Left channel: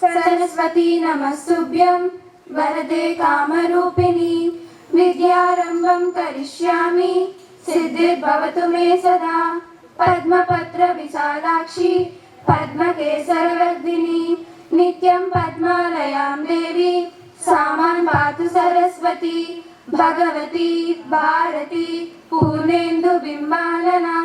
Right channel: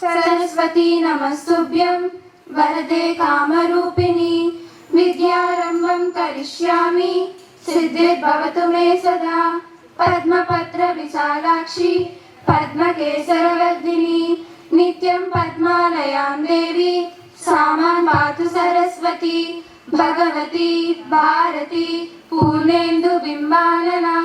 सरस्वती नमस्तुभ्यं वरदे कामरूपिणी विद्यारम्भं करिष्यामि सिद्धिर्भवतु मे सदा पद्मपत्रविशालाक्षी पद्मकेसरवर्धिनी नित्यं पद्मालयां देवी सामां पातु सरस्वती భగవతి భారతి పూర్ణేందు బింబాలనా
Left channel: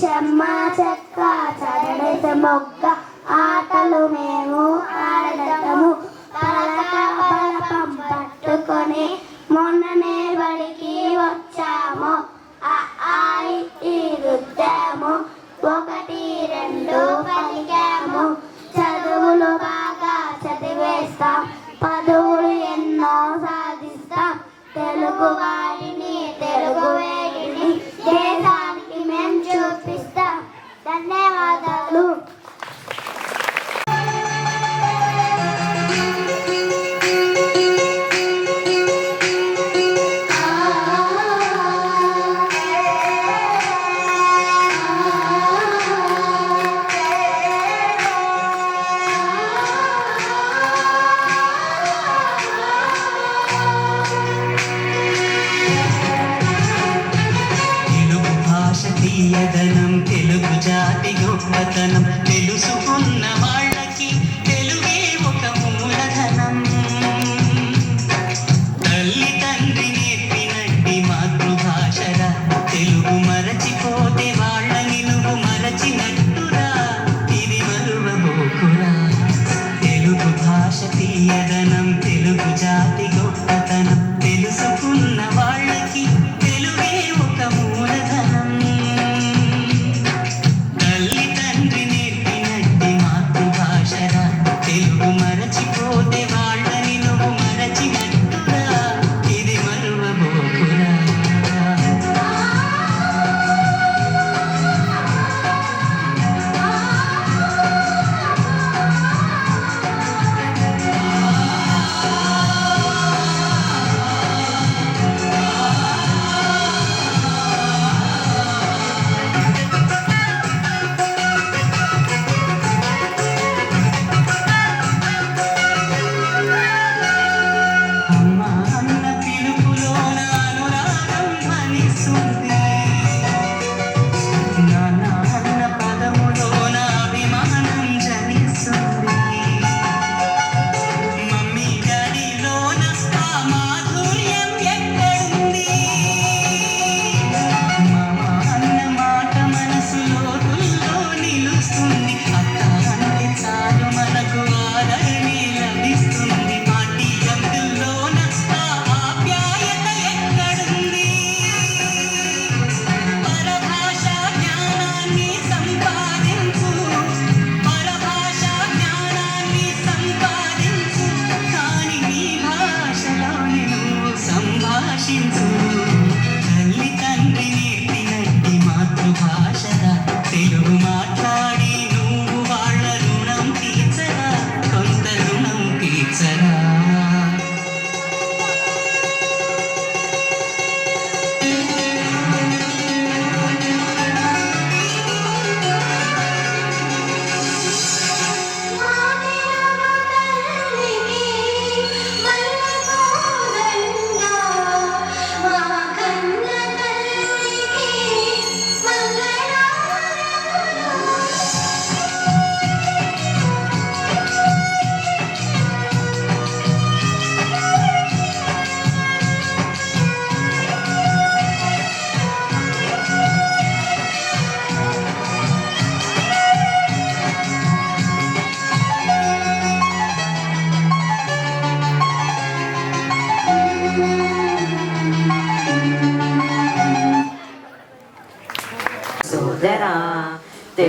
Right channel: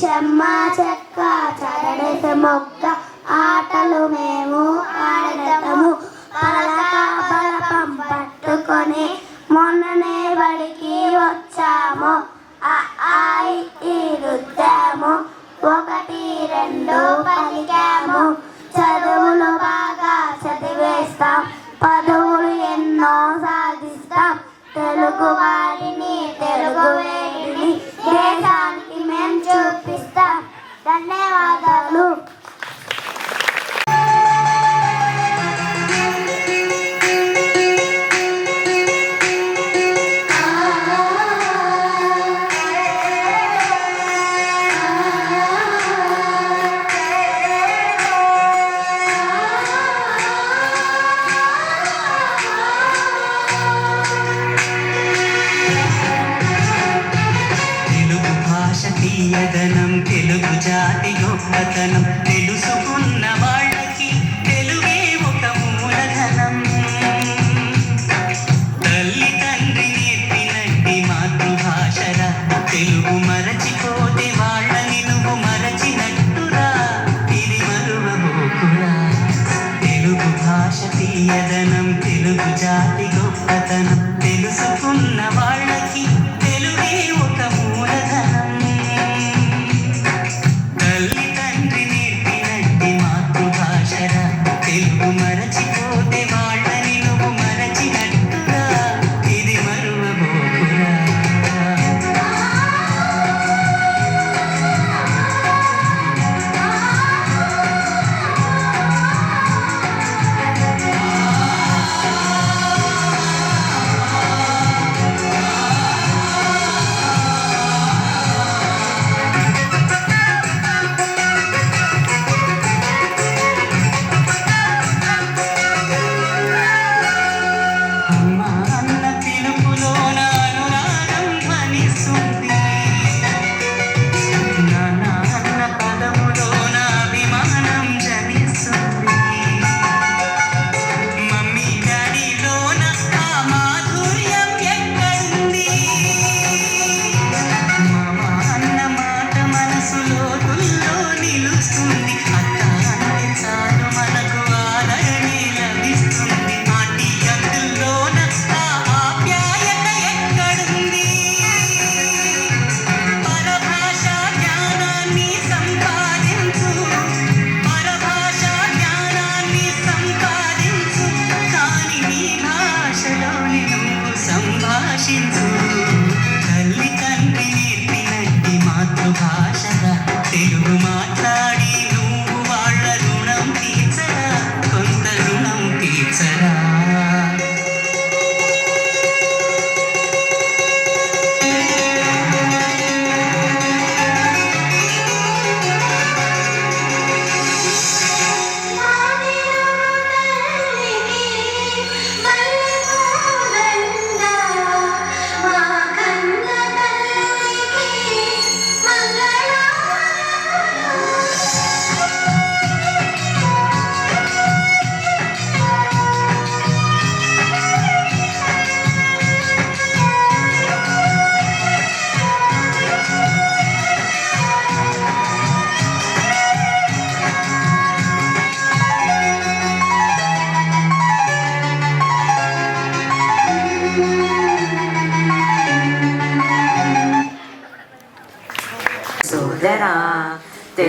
చెమ్మ చెక్క చరడేత మొక్క ఆటలు మేము ఆడటము పలక పలకం పట్టుకొని మొన్ననే బలి আমার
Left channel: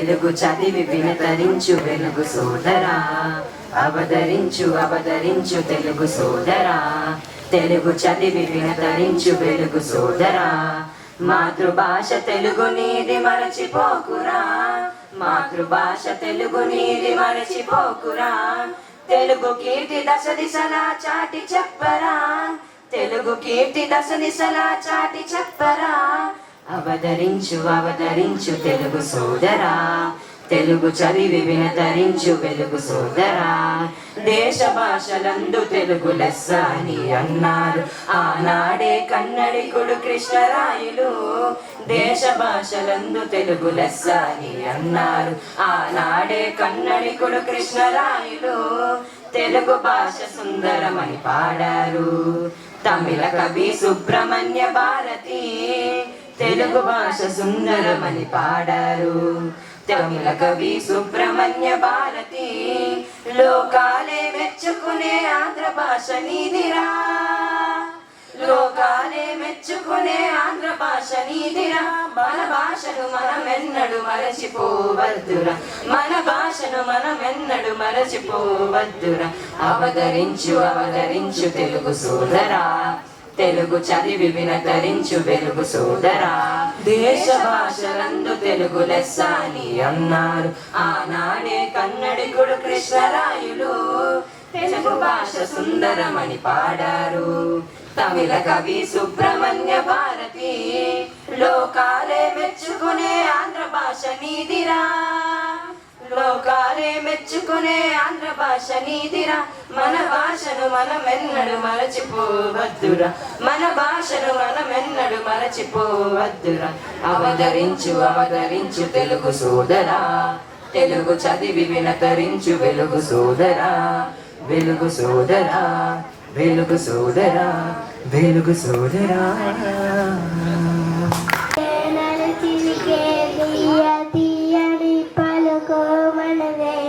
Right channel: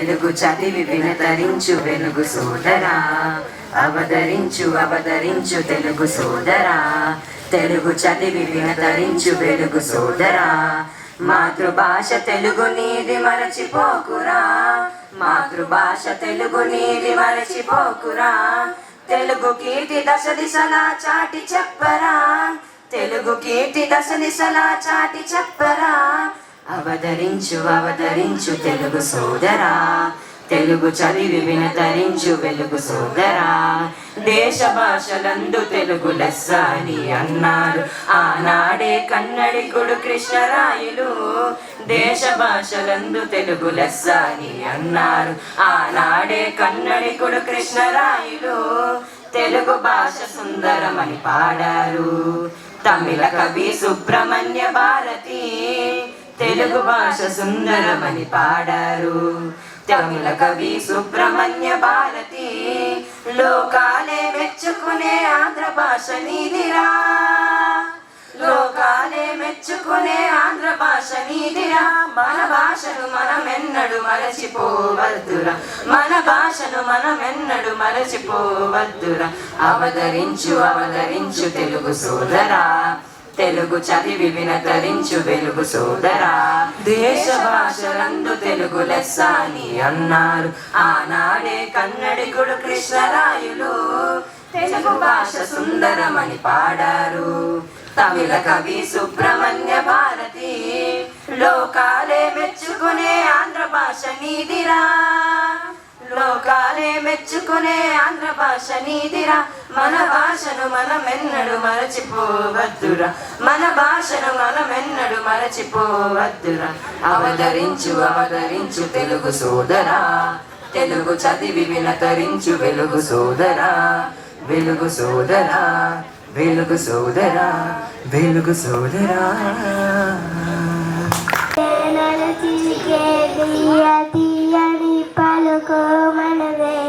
తెలుగు చదివి వినతరించు వెలుగు సోదరా. అవతరించు అవతరించు తెలుగు సోదరా. తెలుగు చదివి వినతరించు వెలుగు సోదరా. మాతృభాష తెలుగు నీది మరచిపోకురా. మాతృభాష తెలుగు నీది మరచిపోకురా. తెలుగు కీర్తి దశ దిశలా చాటి చెప్పరా. తెలుగు కీర్తి దశ దిశలా చాటి చెప్పరా. అవతరించు అవతరించు తెలుగు సోదరా. తెలుగు చదివి వినతరించు వెలుగు సోదరా. దేశ భాషలందు తెలుగు లెస్స అని అన్నారు. ఆనాడే కన్నడికుడు కృష్ణరాయులు దేశ భాషలందు తెలుగు లెస్స అని అన్నారు. ఆనాడే కన్నడికుడు కృష్ణరాయులు తెలుగు భాష సుందరమని పాడారు. తమిళ కవి సుబ్రహ్మణ్య భారతి తెలుగు భాష సుందరమని పాడారు. తమిళ కవి సుబ్రహ్మణ్య భారతి లోకాలే మెచ్చుకునే ఆంధ్ర భాష నీదిరా. లోకాలే మెచ్చుకునే ఆంధ్ర భాష నీదిరా. మన భాషను మనమెన్నడు మరచిపోవద్దురా. మన భాషను మనమెన్నడు మరచిపోవద్దురా. అవతరించు అవతరించు తెలుగు సోదరా. తెలుగు చదివి వినతరించు వెలుగు సోదరా. దేశ భాషలందు తెలుగు లెస్స అని అన్నారు. ఆనాడే కన్నడికుడు కృష్ణరాయులు తెలుగు భాష సుందరమని పాడారు. తమిళ కవి సుబ్రహ్మణ్య భారతి లోకాలే మెచ్చుకునే ఆంధ్ర భాష నీదిరా. లోకాలే మెచ్చుకునే ఆంధ్ర భాష నీదిరా మన భాషను మనమెన్నడు మరచిపోవద్దురా. మన భాషను మనమెన్నడు మరచిపోవద్దురా. అవతరించు అవతరించు తెలుగు సోదరా. తెలుగు చదివి వినతరించు వెలుగు సోదరా. వెలుగు సోదరా వెలుగు సోదరా వెలుగు సోదరా. పలుకు